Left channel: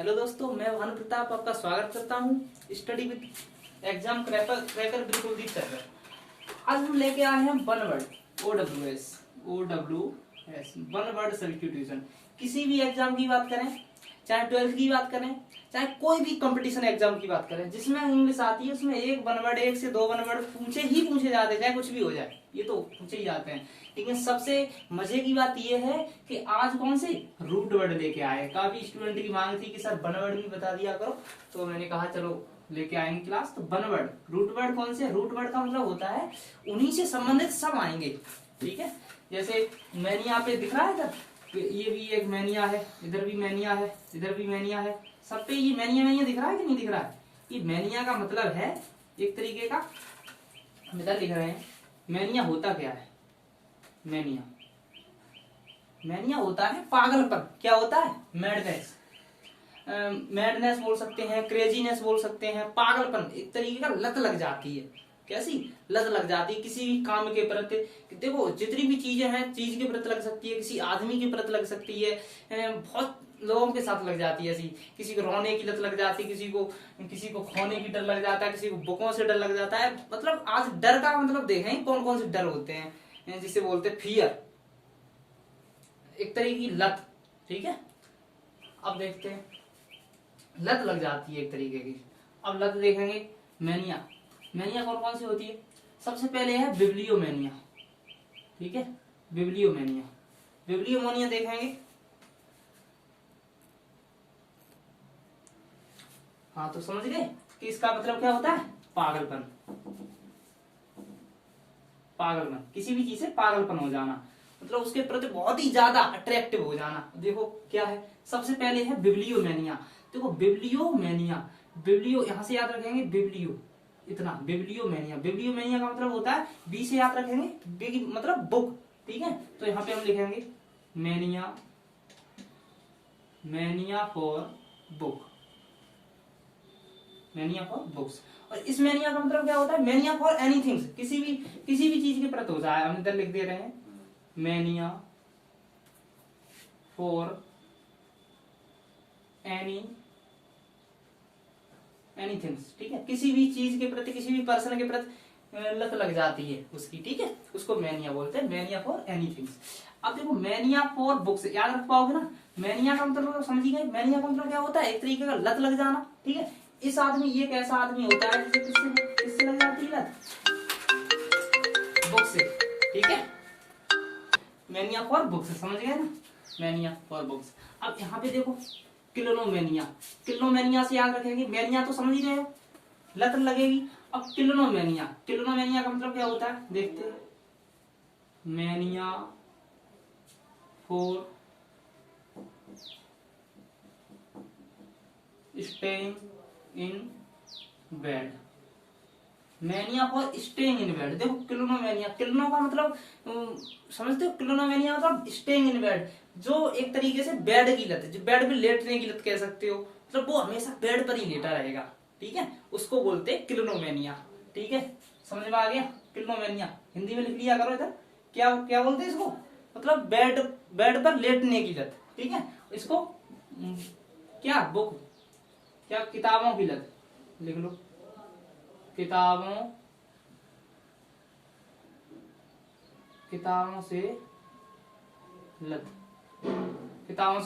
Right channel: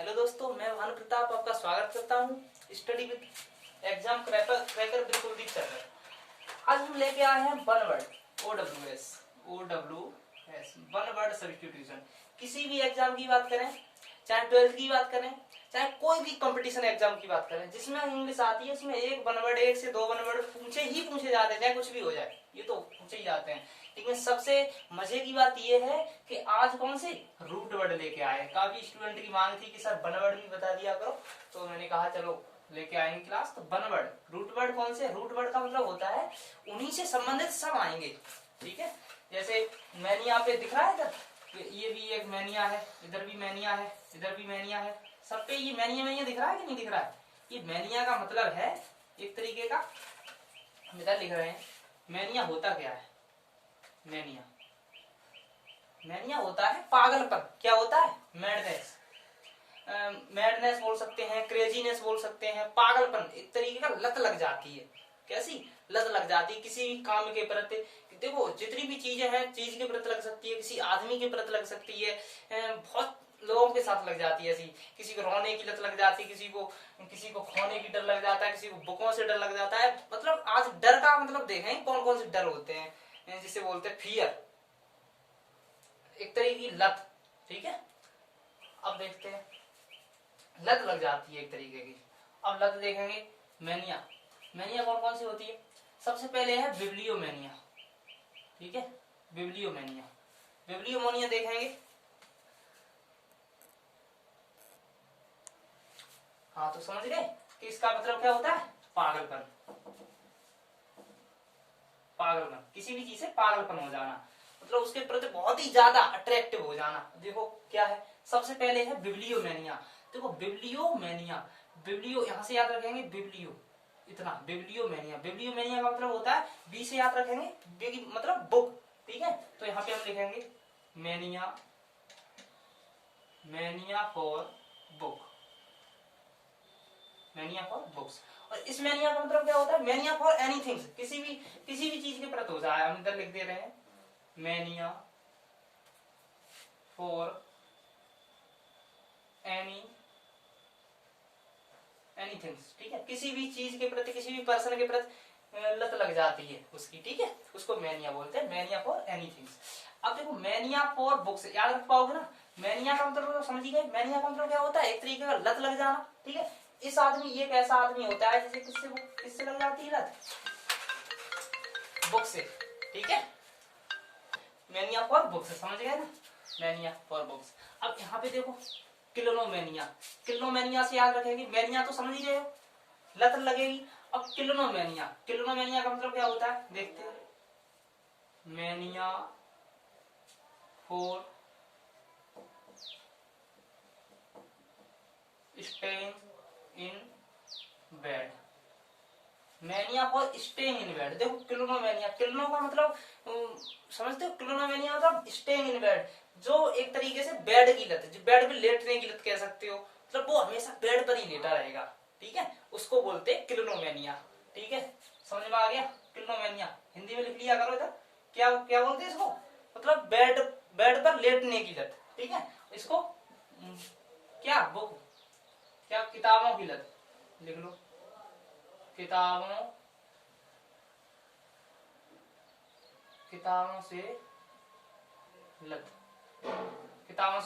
Hello दोस्तों, मैं भानु प्रताप आपका स्वागत करता हूँ study with exam cracker with Kuldeep sir. आज हम लेके आए हैं one word OWS one word substitution. किसी भी एग्जाम की बात करें, चाहे 12th की बात करें, चाहे कोई भी कंपटीशन एग्जाम की बात करें जिसमें इंग्लिश आती है, उसमें एक वन वर्ड, एक से दो वन वर्ड पूछे जाते हैं, चाहे कुछ भी हो जाए, ये तो पूछे ही जाते हैं। लेकिन सबसे मजे की बात यह है कि आज कौन से रूट वर्ड लेके आए। काफी स्टूडेंट की मांग थी कि सर वन वर्ड भी बता दिया करो, तो मैंने कहा चलो लेके आएंगे क्लास। तो वन वर्ड, रूट वर्ड कौन से? रूट वर्ड का मतलब होता है उन्हीं से संबंधित सब आएंगे, ठीक है। जैसे मैनिया पे दिख रहा है इधर, ये भी एक मैनिया है, इधर भी मैनिया है, इधर भी मैनिया है, सब पे ये मैनिया दिख रहा है कि नहीं दिख रहा है? ये मैनिया का मतलब है एक तरीके का, हम इधर लिख रहे हैं। मैनिया होता क्या है? मैनिया होता है पागलपन। क्या होता है? मैडनेस। मैडनेस बोल सकते हैं, क्रेजीनेस बोल सकते हैं, पागलपन, एक तरीके का लत लग जाती है। कैसी लत लग जाती है किसी भी काम के प्रति? देखो जितनी भी चीजें हैं, चीज के प्रति लग सकती है, किसी आदमी के प्रति लग सकती है, बहुत लोगों के साथ लग जाती है ऐसी। किसी को रोने की लत लग जाती है, किसी को खोने की डर लग जाता है, किसी को बुकों से डर लग जाता है। मतलब आज डर का मतलब देखें कौन कौन से डर होते हैं, जिसे बोलते हैं फियर, एक तरह की लत, ठीक है। अब देखते हैं, लत लग जाती है एक तरीके की। अब लत देखेंगे। मैनिया कौन कौन सी होती है? सबसे पहले है बिब्लियोमैनिया, ठीक है। बिब्लियोमैनिया देखेंगे। हाँ, तो समझ गए कि इसका मतलब क्या होता है? पागलपन। किसी भी चीज से पागलपन हो जाना, मतलब उसके प्रति बहुत ही ज्यादा अट्रैक्टिव हो जाना। देखो क्या है, सबसे पहले है बिब्लियोमैनिया। देखो बिब्लियो यहां से याद रखेंगे, बिब्लियो इतना, बिब्लियोमैनिया का मतलब होता है, बी से याद रखेंगे, बी मतलब बुक, ठीक है। तो यहाँ पे हम लिखेंगे मैनिया फॉर बुक्स। और इस मैनिया का मतलब क्या होता है? मैनिया फॉर एनीथिंग, किसी भी चीज के प्रति हो जाए। हम इधर लिख दे रहे हैं मैनिया फॉर एनीथिंग्स, ठीक है। किसी भी चीज के प्रति, किसी भी पर्सन के प्रति लत लग जाती है उसकी, ठीक है, उसको मैनिया बोलते हैं, मैनिया फॉर एनीथिंग्स। अब देखो मैनिया फॉर बुक्स याद रख पाओगे ना। मैनिया का मतलब समझ गए? मैनिया का मतलब क्या होता है? एक तरीके का लत लग जाना, ठीक है। इस आदमी, ये एक ऐसा आदमी होता है जिसे किससे लग जाती है लत? बुक से, ठीक है। मैनिया फॉर बुक्स, समझ गए ना, मैनिया फॉर बुक्स। अब यहाँ पे देखो क्लिनोमैनिया से याद रखेंगे। मैनिया तो समझ ही रहे हो, लत लगेगी। अब क्लिनोमैनिया का मतलब क्या होता है? देखते हैं। Mania for staying in bed. Mania for staying in bed. देखो क्लिनोमैनिया, क्लिनो का मतलब समझते हो? क्लिनोमैनिया मतलब स्टेइंग इन बेड, जो एक तरीके से बेड की लत, जो बेड पे लेटने की लत कह सकते हो, मतलब वो हमेशा बेड पर ही लेटा रहेगा, ठीक है, उसको बोलते हैं क्लिनोमैनिया, ठीक है। समझ में आ गया? क्लिनोमैनिया हिंदी में लिख लिया करो इधर। क्या क्या बोलते हैं इसको? मतलब बेड पर लेटने की लत, ठीक है। इसको क्या बुक, क्या किताबों की लत लिख लो, किताबों से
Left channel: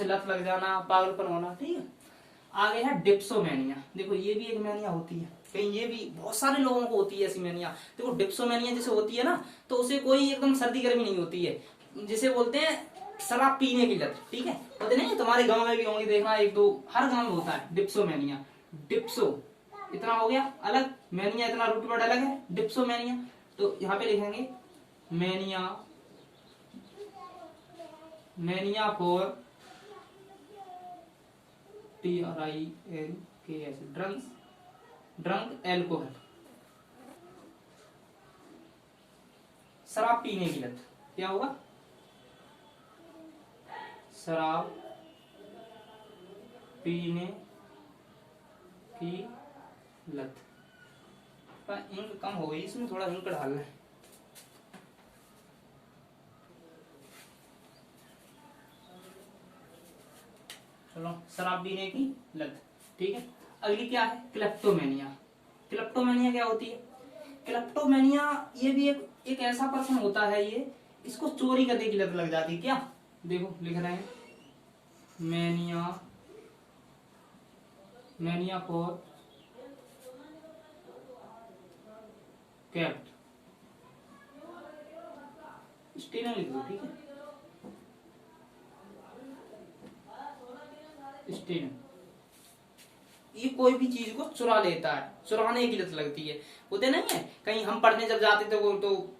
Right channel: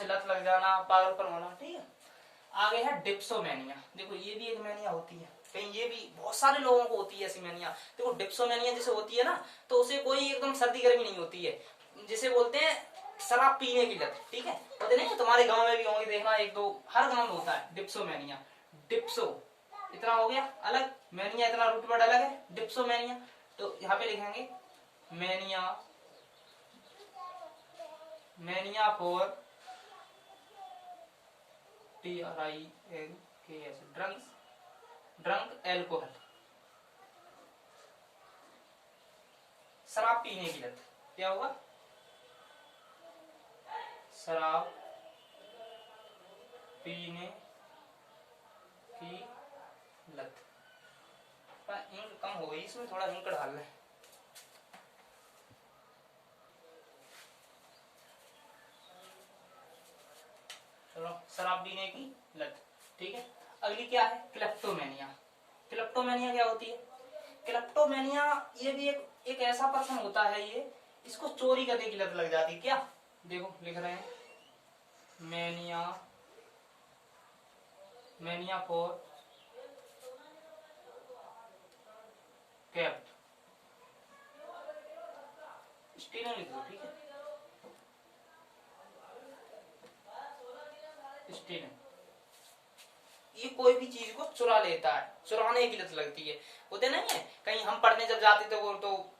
लत लग जाना, पागलपन होना, ठीक है। आगे है डिप्सोमैनिया। देखो ये भी एक मैनिया होती है, कहीं ये भी बहुत सारे लोगों को होती है ऐसी मैनिया। देखो डिप्सोमैनिया जैसे होती है ना, तो उसे कोई एकदम सर्दी गर्मी नहीं होती है, जिसे बोलते हैं शराब पीने की लत, ठीक है। होते नहीं, तुम्हारे गांव में भी होंगे, देखना एक दो, हर गांव में होता है डिप्सोमैनिया। डिप्सो इतना हो गया अलग, मैनिया इतना रूट वर्ड अलग है, डिप्सोमैनिया। तो यहाँ पे लिखेंगे mania for TRINKS drunk alcohol, शराब पीने की लत। क्या होगा? शराब पीने की लत। इंक कम हो गई, इसमें थोड़ा इंक डालना है। चलो शराब पीने की लत। ठीक है, अगली क्या है, क्लेप्टोमेनिया। क्लेप्टोमेनिया क्या होती है, क्लेप्टोमेनिया ये भी एक ऐसा पर्सन होता है, ये इसको चोरी करने की लत लग जाती है। क्या, देखो लिख रहे हैं मैनिया, मैनिया फॉर कैट, स्टेनर लिख दो। ठीक है, स्टेनर, ये कोई भी चीज को चुरा लेता है, चुराने की लत लगती है। होते नहीं है, कहीं हम पढ़ने जब जाते थे तो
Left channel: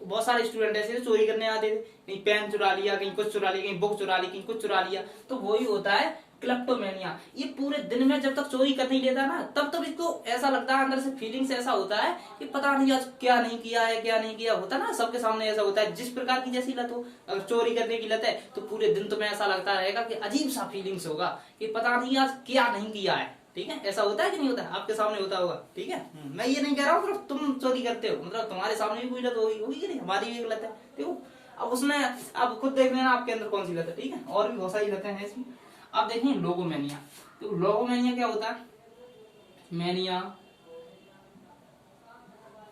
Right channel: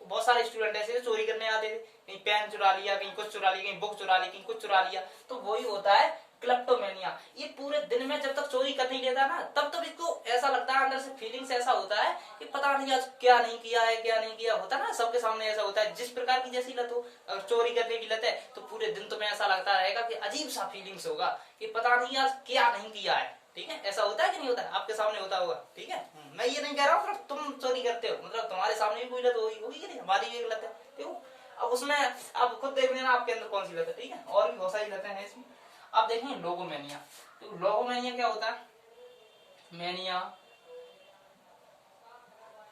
बहुत सारे स्टूडेंट ऐसे थे चोरी करने आते थे, कहीं पेन चुरा लिया, कहीं कुछ चुरा लिया, कहीं बुक चुरा ली, कहीं कुछ चुरा लिया, तो वही होता है क्लेप्टोमेनिया। ये पूरे दिन में जब तक चोरी कर नहीं लेता ना, तब तक इसको ऐसा लगता है, अंदर से फीलिंग्स ऐसा होता है कि पता नहीं आज क्या नहीं किया है, क्या नहीं किया, होता ना सबके सामने ऐसा होता है। जिस प्रकार की जैसी लत हो, अगर चोरी करने की लत है तो पूरे दिन तुम्हें ऐसा लगता रहेगा कि अजीब सा फीलिंग्स होगा कि पता नहीं आज क्या नहीं किया है। ठीक है, ऐसा होता है कि नहीं होता है, आपके सामने होता होगा। ठीक है, मैं ये नहीं कह रहा हूँ सिर्फ तुम चोरी करते हो, मतलब तुम्हारे सामने भी कोई लत होगी, होगी कि नहीं, हमारी भी एक लत है। देखो अब उसमें आप खुद देख लेना आपके अंदर कौन सी लत है। ठीक है, और भी बहुत सारी लतें हैं इसमें। अब देखें लोगोमेनिया। तो लोगोमेनिया क्या होता है, मैनिया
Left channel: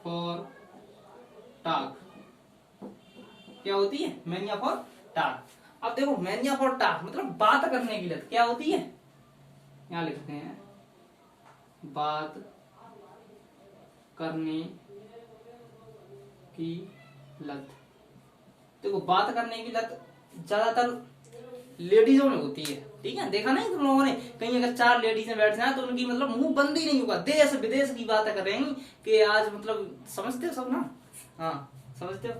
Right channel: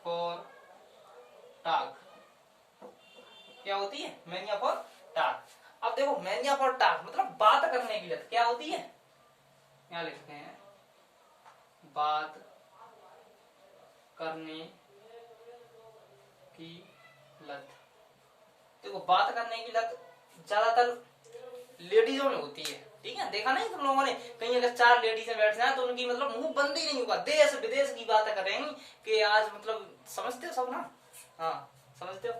फॉर टाग। क्या होती है, मैनिया फॉर टाग। अब देखो मैनिया फॉर टाग मतलब बात करने की लत। क्या होती है, यहां लिखते हैं बात करने की लत। देखो बात करने की लत ज्यादातर लेडीजों में होती है। ठीक है, देखा नहीं तुम लोगों ने, कहीं अगर 4 लेडीज बैठ जाए तो उनकी मतलब मुंह बंद ही नहीं होगा, देश विदेश की बातें कर रहे हैं कि आज मतलब समझते हो सब ना, हाँ समझते हो।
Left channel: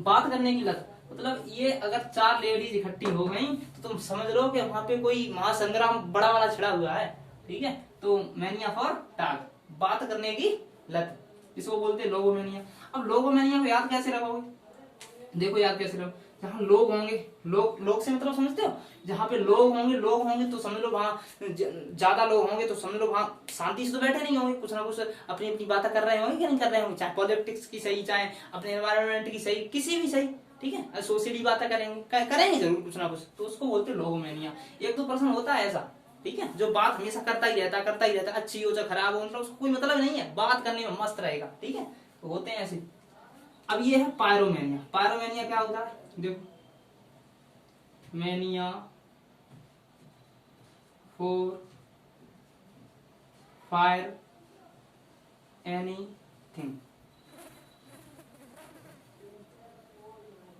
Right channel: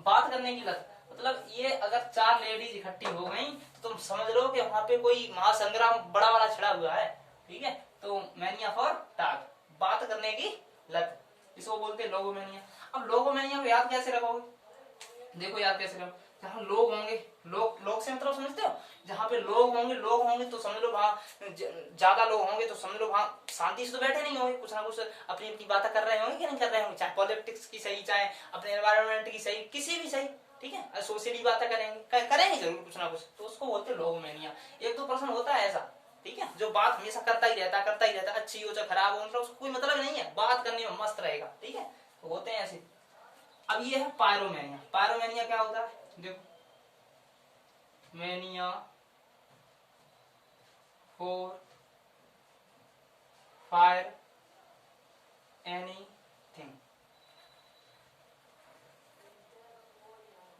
बात करने की लत मतलब ये अगर 4 लेडीज इकट्ठी हो गई तो तुम समझ लो कि वहां पे कोई महासंग्राम बड़ा वाला छिड़ा हुआ है। ठीक है, तो मैनिया फॉर टाग, बात करने की लत, इसको बोलते हैं लोगोमेनिया। अब लोगोमेनिया को याद कैसे रखोगे, देखो याद कैसे रखो, जहाँ लोग होंगे, लोग से मतलब समझते हो, जहाँ पे लोग होंगे तो समझ लो वहां ज्यादा लोग होंगे तो समझ लो वहां शांति से तो बैठे नहीं होंगे, कुछ ना कुछ अपनी अपनी बातें कर रहे होंगे कि नहीं कर रहे होंगे, चाहे पॉलिटिक्स की सही, चाहे अपने एनवायरमेंट की सही, किसी भी सही। ठीक है, सोशली बातें करेंगे जरूर कुछ ना कुछ, तो उसको बोलते हैं लोगोमेनिया। 1-2 पर्सन होता है ऐसा, ठीक है, जो बात हमेशा करता ही रहता, अच्छी हो चाहे खराब हो, मतलब उसको कोई मतलब नहीं है, बात करने में मस्त रहेगा। ठीक है, तो होते हैं ऐसे। अब ये है पायरोमेनिया। पायरोमेनिया क्या होता है, देखो मैनिया फॉर फायर एनीथिंग।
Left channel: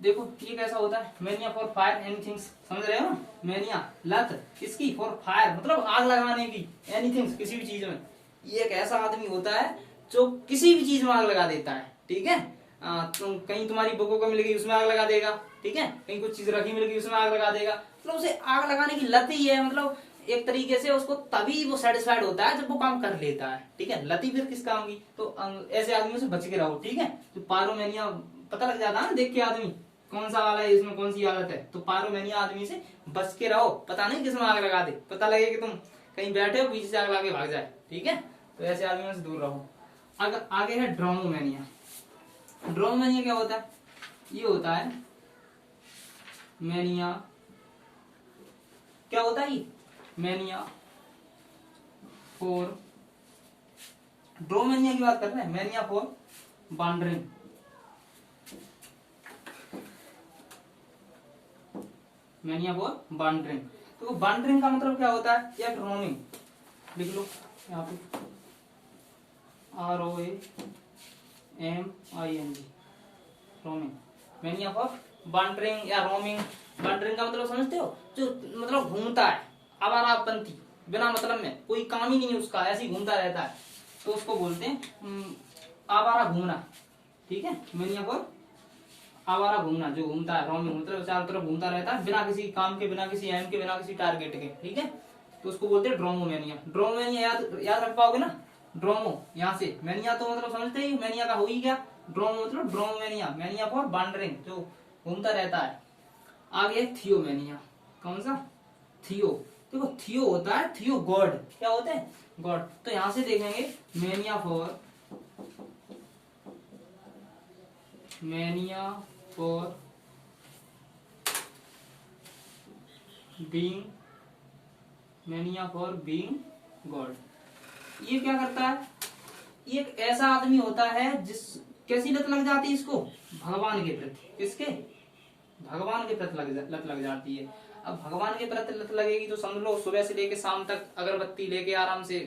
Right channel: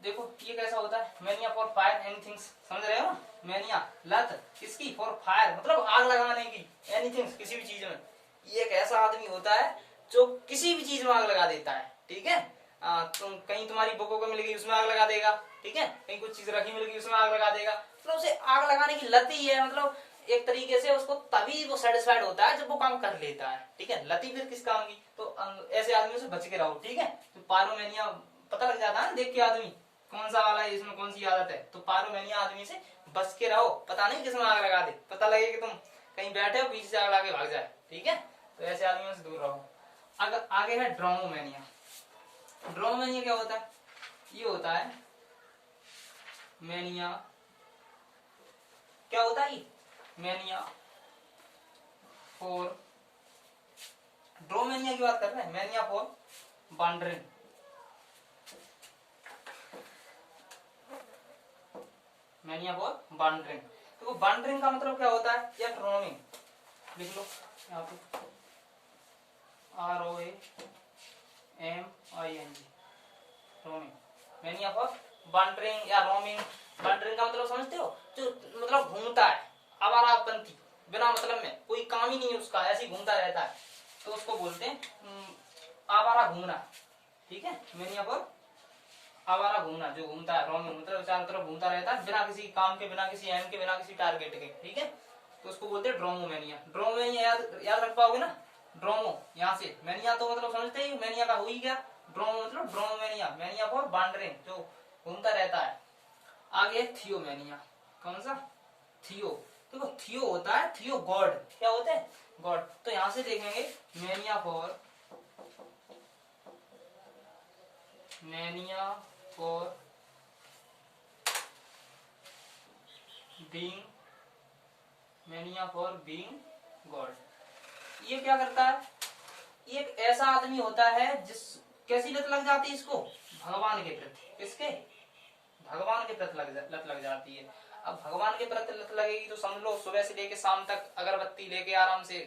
देखो ये कैसा होता है, मैनिया फॉर फायर एनीथिंग, समझ रहे हो, मैनिया लत किसकी, फॉर फायर मतलब आग लगाने की, एनीथिंग किसी भी चीज में। ये एक ऐसा आदमी होता है जो किसी भी चीज में आग लगा देता है। ठीक है, कहीं तुम्हारी बुकों को मिल गई उसमें आग लगा देगा। ठीक है, कहीं कुछ चीज रखी मिल गई उसमें आग लगा देगा, मतलब उसे आग लगाने की लत ही है। मतलब एक तरीके से उसको तभी वो सेटिस्फाइड होता है जब वो काम कर लेता है। ठीक है, लती फिर किस काम की, तो ऐसे आदमियों से बच के रहो। ठीक है, तो पायरोमेनिया पता लग जाता है ना देख के आदमी कौन सा वाला है, इसमें कौन सी आदत है, तो पायरोमेनिया आदमी से बच के रहो, पता नहीं किसमें आग लगा दे, पता लगे कि तुम कहीं बैठे हो पीछे से आग लगा के भाग जाए। ठीक है, तो ऐसे आदमियों से दूर रहो। अगर आगे है ड्रोमोमेनिया। ड्रोमोमेनिया क्या होता है, ये होता है मैनिया, क्या होता है ये, मैनिया फॉर, ड्रोमेनिया की बात कर रहे हैं, mania for wandering. Mania for wandering, तो वॉन्डरिंग का मतलब क्या होता है, या रोमिंग, लिख लो यहाँ पे ROAMING, roaming. Mania for wandering या रोमिंग। वॉन्डरिंग का मतलब समझते हो, जो मतलब घूमता है, आवारापंथी, बिना मतलब में कोई काम ही नहीं है उसका, ऐसे ही घूमता रहता है, तो उसको बोलते हैं आवारा घूमना। ठीक है, मैनिया फॉर आवारा घूमना, जो घूमता है, रोमिंग मतलब चारों तरफ घूमता रहता है बिना किसी काम के, बिना किसी एम के, बिना किसी टारगेट के। ठीक है, तो उसको बोलते हैं ड्रोमोमेनिया। ड्रोमोमेनिया याद रख पाओगे ना, ड्रोमो यहाँ से, मैनिया तो मतलब समझते ही, मैनिया का हो ही गया, ड्रोमो मतलब ड्रोमोमेनिया, मैनिया फॉर वॉन्डरिंग, जो घूमता रहता है। आगे थियोमेनिया, कौन सा, थियो। देखो थियो होता है, थियो गॉड, क्या होता है, गॉड। तो यहां से देखेंगे mania for, mania for being mania for being God. ये क्या करता है, ये एक ऐसा आदमी होता है जिस कैसी लत लग जाती है इसको, भगवान के प्रति, किसके, भगवान के प्रति लत लग जाती है। अब भगवान के प्रति लत लगेगी तो समझ लो सुबह से लेके शाम तक अगरबत्ती लेके आराम से,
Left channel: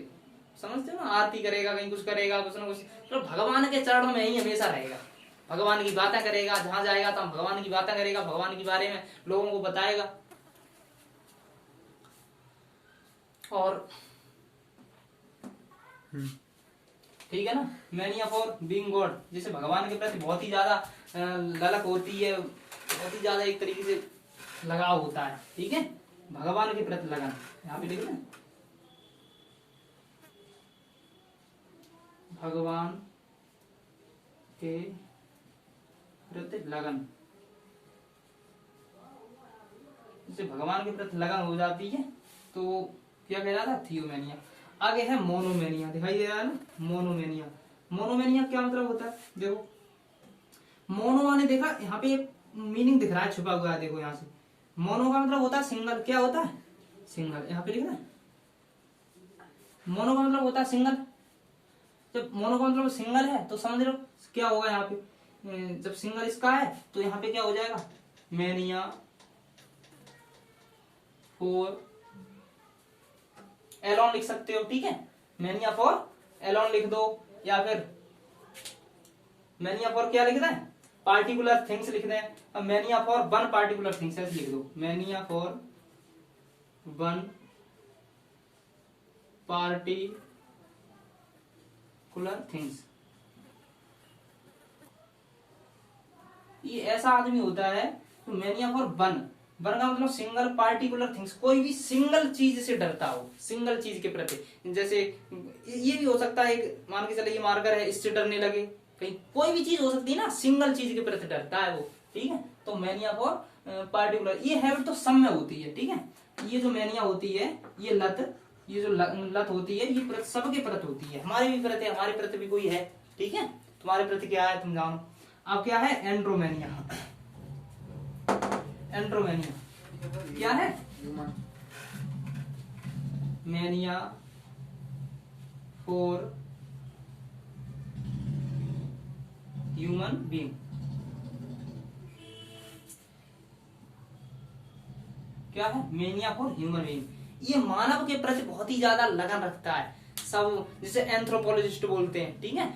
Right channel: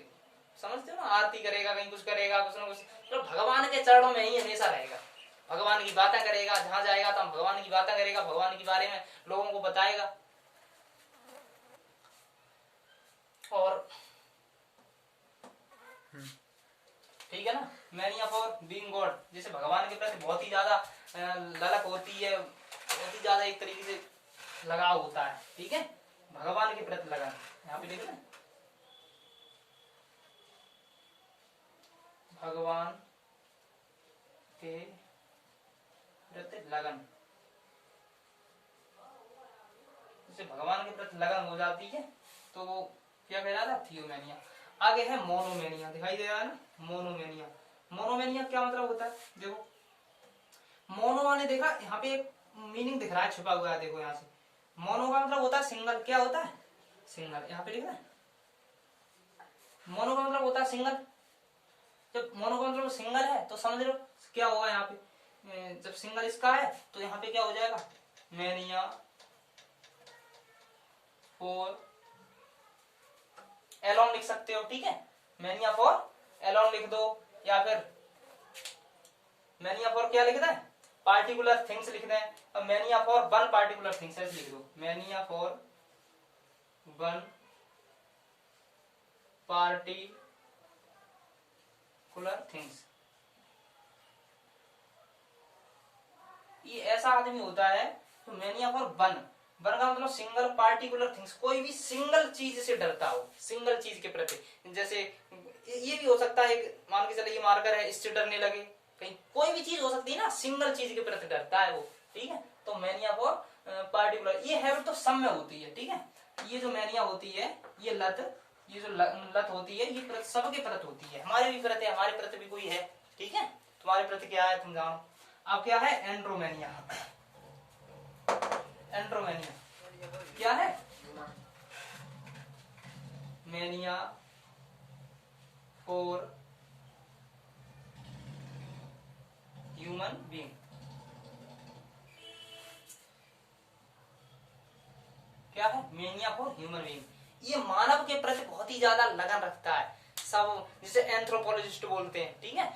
समझते हो ना, आरती करेगा, कहीं कुछ करेगा, कुछ ना कुछ, तो भगवान के चरणों में ही हमेशा रहेगा, भगवान की बातें करेगा, जहां जाएगा तो भगवान की बातें करेगा, भगवान के बारे में लोगों को बताएगा। और ठीक है ना, मैनिया फॉर बीइंग गॉड, जैसे भगवान के प्रति बहुत ही ज्यादा ललक होती है, बहुत ही ज्यादा एक तरीके से लगाव होता है, ठीक है, भगवान के प्रति लगन, यहाँ पे लिख लें भगवान के प्रति लगन, जैसे भगवान के प्रति लगन हो जाती है तो क्या कहलाता है, थियोमेनिया। आगे है मोनोमेनिया, दिखाई दे रहा है ना, मोनोमेनिया। मोनोमेनिया क्या मतलब होता है, देखो मोनो माने देखा यहाँ पे एक मीनिंग दिख रहा है छुपा हुआ है, देखो यहाँ से, मोनो का मतलब होता है सिंगल, क्या होता है, सिंगल, यहाँ पे लिखना है, मोनो का मतलब होता है सिंगल। जब मोनो का मतलब सिंगल है तो समझ लो क्या होगा यहाँ पे, जब सिंगल इसका है तो यहाँ पे क्या हो जाएगा, मैनिया फॉर एलोन लिख सकते हो, ठीक है, मैनिया फॉर एलोन लिख दो, या फिर मैनिया फॉर क्या लिख दें, पार्टिकुलर थिंग्स लिख दें। अब mania for one particular things ऐसे लिख दो, mania for one particular things. ये ऐसा आदमी होता है तो मैनिया फॉर वन, वन का मतलब सिंगल पार्टिकुलर थिंग्स, कोई भी सिंगल चीज से डरता हो, सिंगल चीज के प्रति, जैसे ये भी हो सकता है, मान के चले ये मार्कर है, इससे डरने लगे, कहीं कोई भी चीज हो सकती है ना, सिंगल चीज के प्रति डरता है वो, ठीक है, तो मैनिया फॉर पार्टिकुलर। ये हैबिट तो सब में होती है, ठीक है, ये जो मैनिया होती है, ये लत, ये जो लत होती है, ये सबके प्रति होती है, हमारे भी प्रति, हमारे प्रति भी कोई है, ठीक है, तुम्हारे प्रति क्या है तुम जानो। अब क्या है एंड्रोमेनिया, एंड्रोमेनिया क्या है, मैनिया फॉर ह्यूमन बीइंग। क्या है, मैनिया फॉर ह्यूमन बीइंग, ये मानव के प्रति बहुत ही ज्यादा लगन रखता है सब, जिसे एंथ्रोपोलॉजिस्ट बोलते हैं, ठीक है,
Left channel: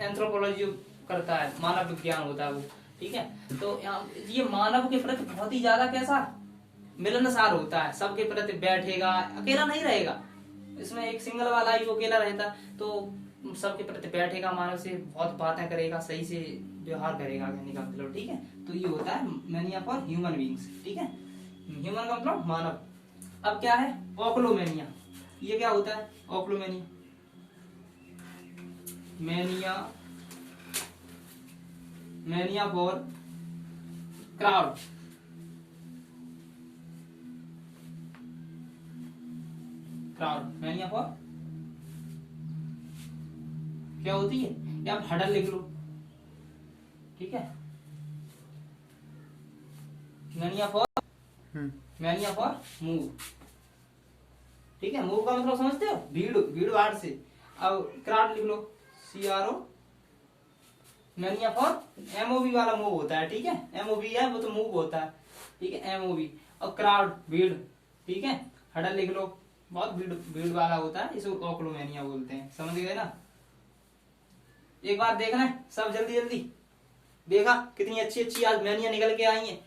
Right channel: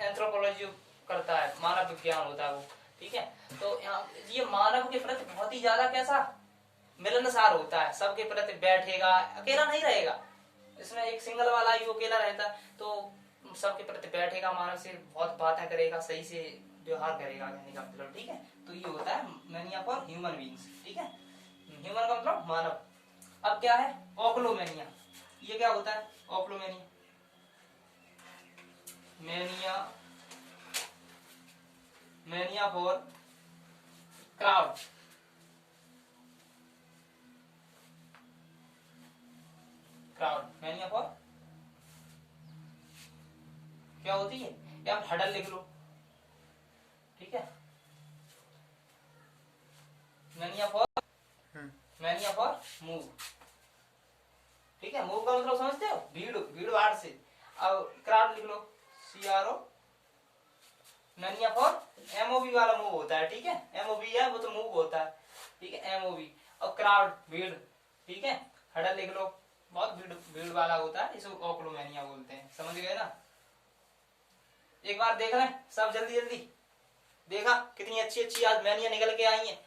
एंथ्रोपोलॉजी करता है, मानव विज्ञान होता है वो, ठीक है, तो ये मानव के प्रति बहुत ही ज्यादा कैसा मिलनसार होता है, सबके प्रति बैठेगा, अकेला नहीं रहेगा, इसमें एक सिंगल वाला ही वो अकेला रहता, तो सबके प्रति बैठेगा, मानव से बहुत बातें करेगा, सही से व्यवहार करेगा, कहने का मतलब, ठीक है, तो ये होता है मैनिया फॉर ह्यूमन बीइंग्स, ठीक है, ह्यूमन का मतलब मानव। अब क्या है ओक्लोमेनिया, ये क्या होता है ochlomania, mania, mania for crowd, crowd, mania for क्या होती है, या आप हडल लिख लो, ठीक है, mania for, mania for move, ठीक है, मूव का मतलब समझते हो, भीड़, भीड़ भाड़ से। अब क्राउड लिख लो, CRO, मैनिया फॉर MOV वाला मूव होता है, ठीक है, MOV है वो तो मूव होता है, ठीक है, MOV, और क्राउड भीड़, ठीक है, हडल लिख लो, बहुत भीड़, भीड़ वाला होता है, इसे ओक्लोमेनिया बोलते हैं, समझ गए ना। एक बार देख लें सब, जल्दी जल्दी देखा कितनी अच्छी अच्छी आज मैनिया निकल के आई हैं,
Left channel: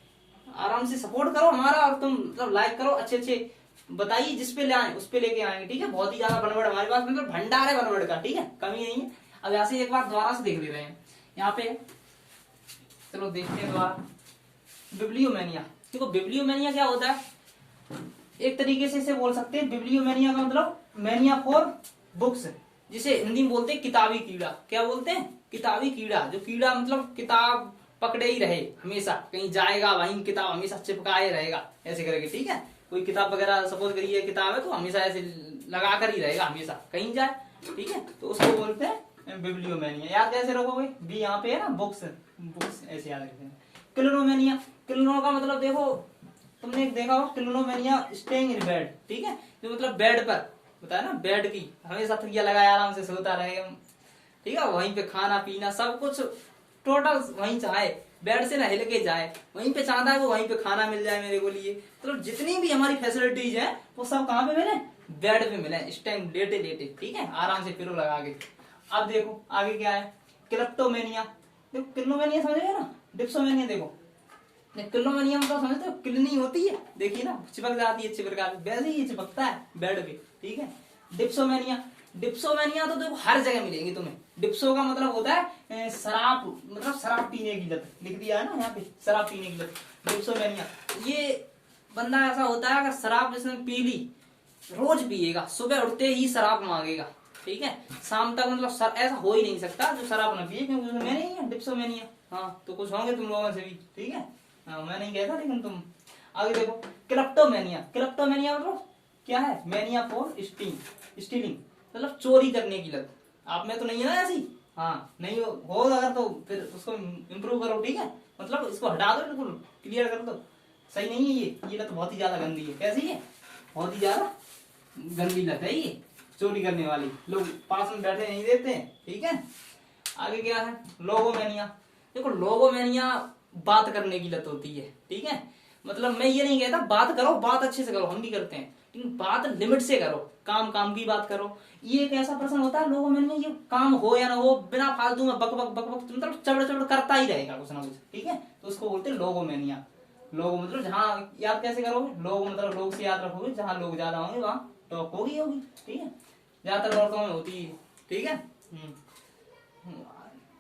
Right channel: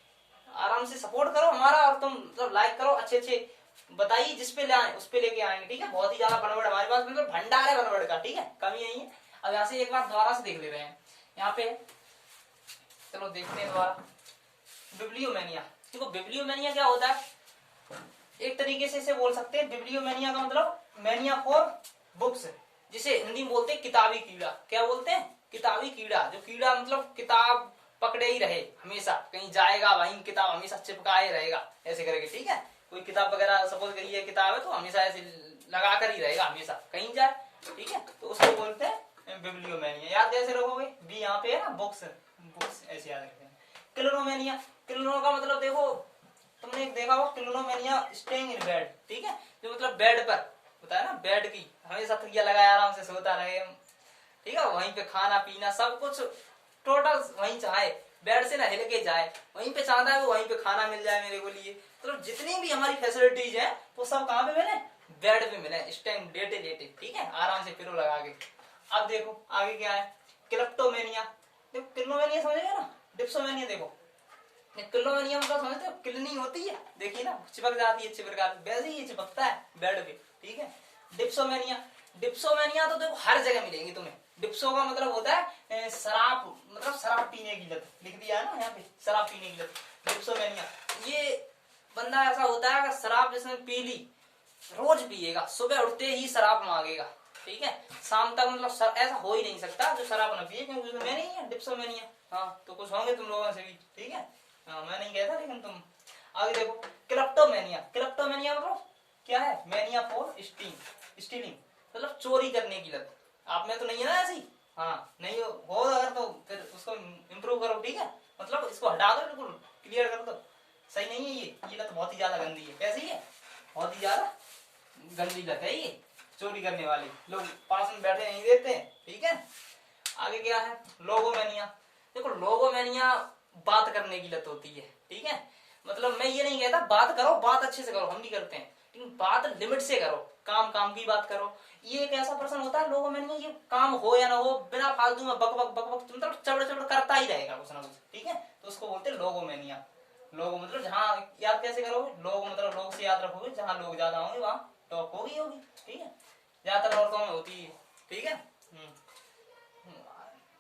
आराम से सपोर्ट करो हमारा, और तुम मतलब लाइक करो, अच्छे अच्छे बताइए, जिस पे ले आए उस पे लेके आएंगे, ठीक है, बहुत ही ज्यादा बनवड़ हमारे पास, बिल्कुल भंडार है बनवड़ का, ठीक है, कमी नहीं है। अब यहाँ से एक बार दोबारा से देख ले रहे हैं, यहाँ पे चलो देखते हैं दोबारा, बिब्लियोमेनिया। देखो बिब्लियोमेनिया क्या होता है, एक तरीके से इसे बोल सकते हैं, बिब्लियोमेनिया का मतलब मैनिया फॉर बुक्स, जिसे हिंदी में बोलते हैं किताबी कीड़ा, क्या बोलते हैं, किताबी कीड़ा, जो कीड़ा मतलब किताब पकड़े ही रहे हमेशा, कहीं जाएगा वहीं किताब हमेशा चिपकाए रहेगा, ऐसे करके, ठीक है, कोई किताब वगैरह सपोज करिए किताब है तो हमेशा ऐसे लगा कर ही रहेगा, हमेशा कहीं जाए, ठीक है, तो उसको बोलते हैं बिब्लियोमेनिया। याद कैसे रखोगे, बी यहाँ पे है ना, बुक्स, बुक्स ऐसे याद रखें। क्लिनोमेनिया, क्लिनो का मतलब देखो तुमने देखा हो, क्लिनोमेनिया स्टेइंग इन बेड, ठीक है, जो मतलब बेड पर होता है ना, बेड की हमेशा तकिया लगाया आराम से सोता रहे हम, ठीक है, वहीं पे खाना पीना सब कुछ टोटल वहीं चाहे, बेड से ना हिल के जाए, वहीं पे चाहता है वो वहीं पे खाना मिल जाए मेरे को लिए। मतलब जितनी भी हमारी फैसिलिटीज है वो सब कहाँ पे मिले, बेड पे मिले, इस टाइम लेटे लेटे, ठीक है, आराम से पिलो लगा के। अब देखो आगे क्या है, क्लिप्टोमेनिया। देखो क्लिप्टोमेनिया समझे ना, डिप्सोमेनिया देखो, क्लिप्टोमेनिया मतलब समझते हो, किलनी होती है, देखिए ना चिपक जाती है चिपका, वैसे ही चिपकता है बेड पे, ठीक है। डिप्सोमेनिया, डिप्सोमेनिया तो देखो हर जगह मिलेंगी तुम्हें। डिप्सो का मतलब होता है शराब, मतलब शराब पीने की लत, लिख दिया है ना यहाँ पे, शराब पीने की लत, डिप्सोमेनिया। ये बंदा ऐसा होता है, अगर शराब जिसने पी ली, रोज पिएगा, सुबह उठते ही शराब मांगेगा, ठीक है, शाम तक, मतलब ऐसा हो ही नहीं सकता जो शराब न पिए, क्योंकि उसमें नहीं है डिप्सोमेनिया। हाँ तो कुछ होंगे तुम लोगों से भी, ठीक है, हाँ, मैं नहीं कहता लेकिन तुम। आगे देखो क्लिप्टोमेनिया, क्लिप्टोमेनिया मतलब क्या है, मेनिया फॉर स्टीलिंग, मतलब चोरी करने की लत। आप में तो नहीं है ना ऐसी, हाँ नहीं हो अगर तो फिर उसको इम्प्रूव करो, ठीक है, मतलब इसको हटा दो, बिल्कुल क्लियर कर दो, सही नहीं है ये लत बहुत ही ज्यादा गंदी है। कैसी है, बहुत ही ज्यादा गंदी लत है ये, चोरी करने वाली, लोग पास में बैठे नहीं देते हैं, ठीक है। आगे क्या है, लोगोमेनिया। देखो लोगोमेनिया बात करने की लत होती है, ठीक है, मतलब मैं ये नहीं कहता बात करो, बात अच्छे से करो, हम भी करते हैं, लेकिन बात लिमिट से करो, काम की बात करो। ये एक ऐसा पर्सन होता है लोगोमेनिया, ये काम हो या ना हो, बिना फालतू में बक बक बक बक मतलब चबड़ चबड़ करता ही रहेगा कुछ ना कुछ, ठीक है, तो उसको बोलते हैं लोगोमेनिया। लोग मतलब जहाँ याद कैसे करोगे, लोग मतलब लोग से याद रखोगे, जहाँ लोग ज्यादा होंगे वहां टॉक होगी, ठीक है, ज्यादातर औरतों में होती है, ठीक है।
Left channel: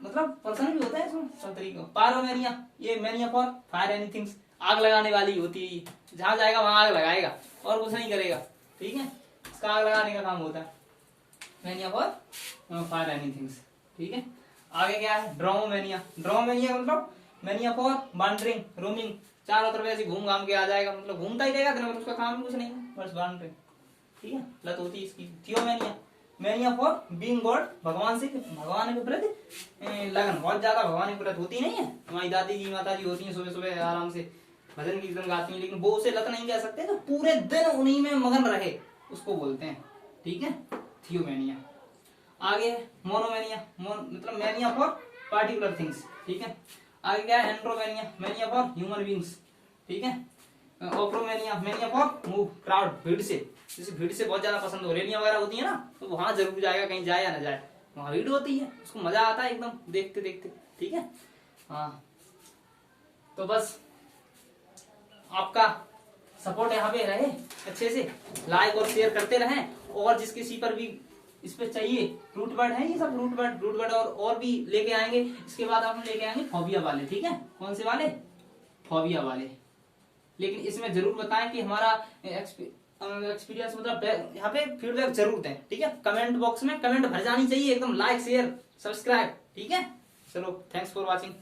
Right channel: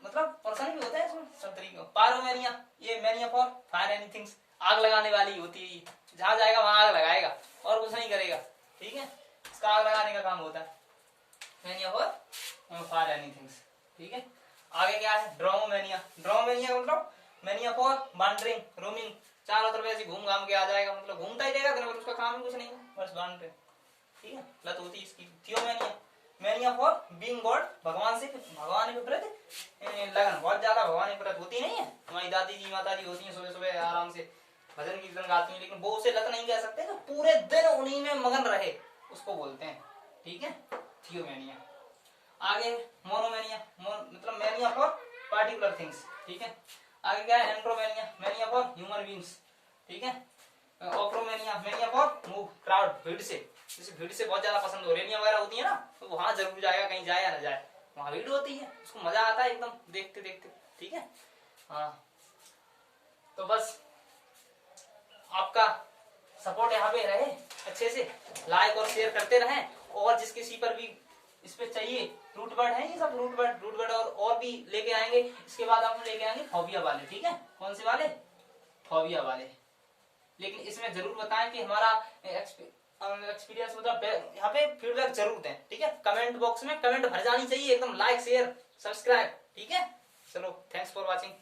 मतलब पर्सन भी होता है इसमें सब तरीके। पायरोमेनिया, ये मेनिया फॉर फायर एनीथिंग, आग लगाने वाली होती है, जहां जाएगा वहां आग लगाएगा और कुछ नहीं करेगा, ठीक है, इसका आग लगाने का काम होता है, मेनिया फॉर फायर एनीथिंग, ठीक है। आगे क्या है, ड्रोमोमेनिया। ड्रोमोमेनिया मतलब मेनिया फॉर वॉन्डरिंग, रोमिंग, चारों तरफ ऐसे घूम घाम के आ जाएगा, मतलब घूमता ही रहेगा दिन भर, उसका काम कुछ नहीं है, बस वॉन्डरिंग, ठीक है, लत होती है इसकी। थियोमेनिया, मेनिया फॉर बीइंग गॉड, भगवान से, भगवान के प्रति लगन, बहुत ज्यादा भगवान के प्रति होती नहीं है, हमारी दादी जी माता जी होती है, सुबह सुबह आराम से भजन कीर्तन गाती हैं, लेकिन वो उसे लत नहीं कह सकते, तो पूरे दिन उन्हीं में मगन रहे उसको बोलते हैं, ठीक है, थियोमेनिया। आगे मोनोमेनिया, मतलब मेनिया फॉर पार्टिकुलर थिंग्स, ठीक है। आगे क्या है, एंड्रोमेनिया, मेनिया फॉर ह्यूमन बींग्स, ठीक है। ओप्रोमेनिया, मेनिया फॉर मूव, क्राउड, भीड़ से, जैसे भीड़ से बहुत ज्यादा पसंद हो, रेलियां वगैरह होती है ना, तो वहां जरूर जाएगा, कहीं जाए या ना जाए, वहां भीड़ होती है, उसको मजा आता है एकदम देखते देखते, ठीक है। हाँ तो बस आपका सपोर्ट यहाँ पे रहे, अच्छे से लाइक और शेयर करते रहें, और जिस किसी पर भी इस पे चाहिए, रूट वर्ड है ये सब, रूट वर्ड और भी लेके आएंगे। इसके बाद आप लेके आएंगे फोबिया वाले, ठीक है, कौन से वाले, फोबिया वाले, लेकिन इसमें जरूर बताएं कि हमारा एक्सपीरियंस, मतलब यहाँ पे फीडबैक जरूर दें, ठीक है, कमेंट बॉक्स में कमेंट भर जानी चाहिए एकदम, लाइक शेयर सब्सक्राइब, ठीक है। चलो थैंक्स फॉर वॉचिंग।